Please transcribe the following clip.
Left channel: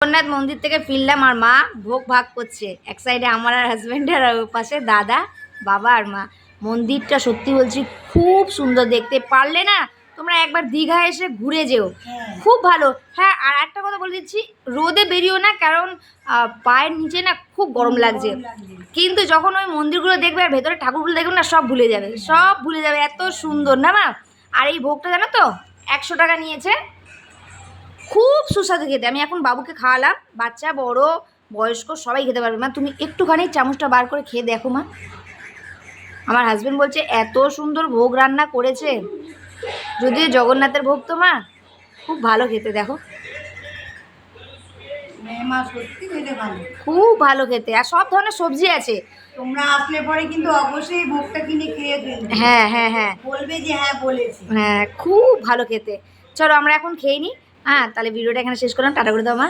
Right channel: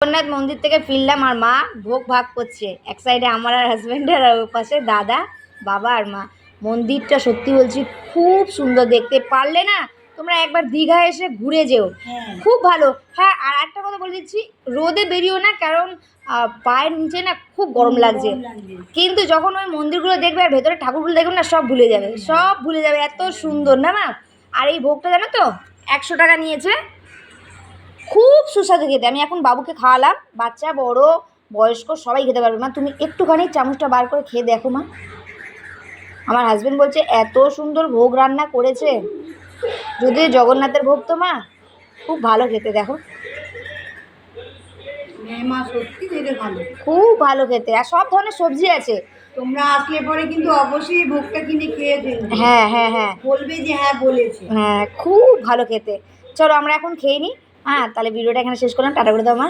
জগন্নাথ মন্দির থেকে ফিরলাম আর মা ভোগ ভাগ করছে, এক সাইডে আমার আর হাজব্যান্ডের, আর ওর পাশে দাদা, বাবা আর মা। মন্দিরটা সত্যি বলছি খুব সুন্দর দেখতে। পারলে না তোমরা একবার দীঘা এসে ঘুরে যেও, খুব ভালো। হ্যাঁ, আর একটা কথা বলে দিচ্ছি, রোদে বেরিও না, কারণ পায়ের নিচে না খুব গরম লাগছে। কিন্তু যখন ওই মন্দিরগুলো দেখবে আর ভেতরে ঠাকুরগুলো দেখবে না, সব ভুলে যাবে, সব ভুলে যাবে, এত সুন্দর না মা। আর এই ভোগটা জানো তো 100 টাকা নিয়েছে, খুব সুস্বাদু খেতে। আমি এখন বাবুকে খাওয়ালাম, বাচ্চা বড় বয়স্ক সবাই খেতে পারবে। মা তুমি একটুখানি চামচটা বার করে খেয়ে দেখো মা। আমার হাজব্যান্ড বলছে এত সুন্দর ভোগ রান্না করেছে, যদিও জগন্নাথের ভোগ তো মা খুব ভালো খেতে। দেখো মা সত্যি খেতে ভালো, খুব ভালো খেতে, আর সব ধরনের সবজি আছে। তোমরা আসলে পরে কিন্তু অবশ্যই ভোগটা কিনে খেয়ে ফেলবে। হ্যাঁ হ্যাঁ হ্যাঁ, বলবে যে হ্যাঁ বলেছে। হ্যাঁ খুব ভালো খেতে। চলো আমরা এখন খেয়ে নিই। হ্যাঁ, তাহলে ভিডিওটা এখানে শেষ করলাম। টাটা করে দাও মা।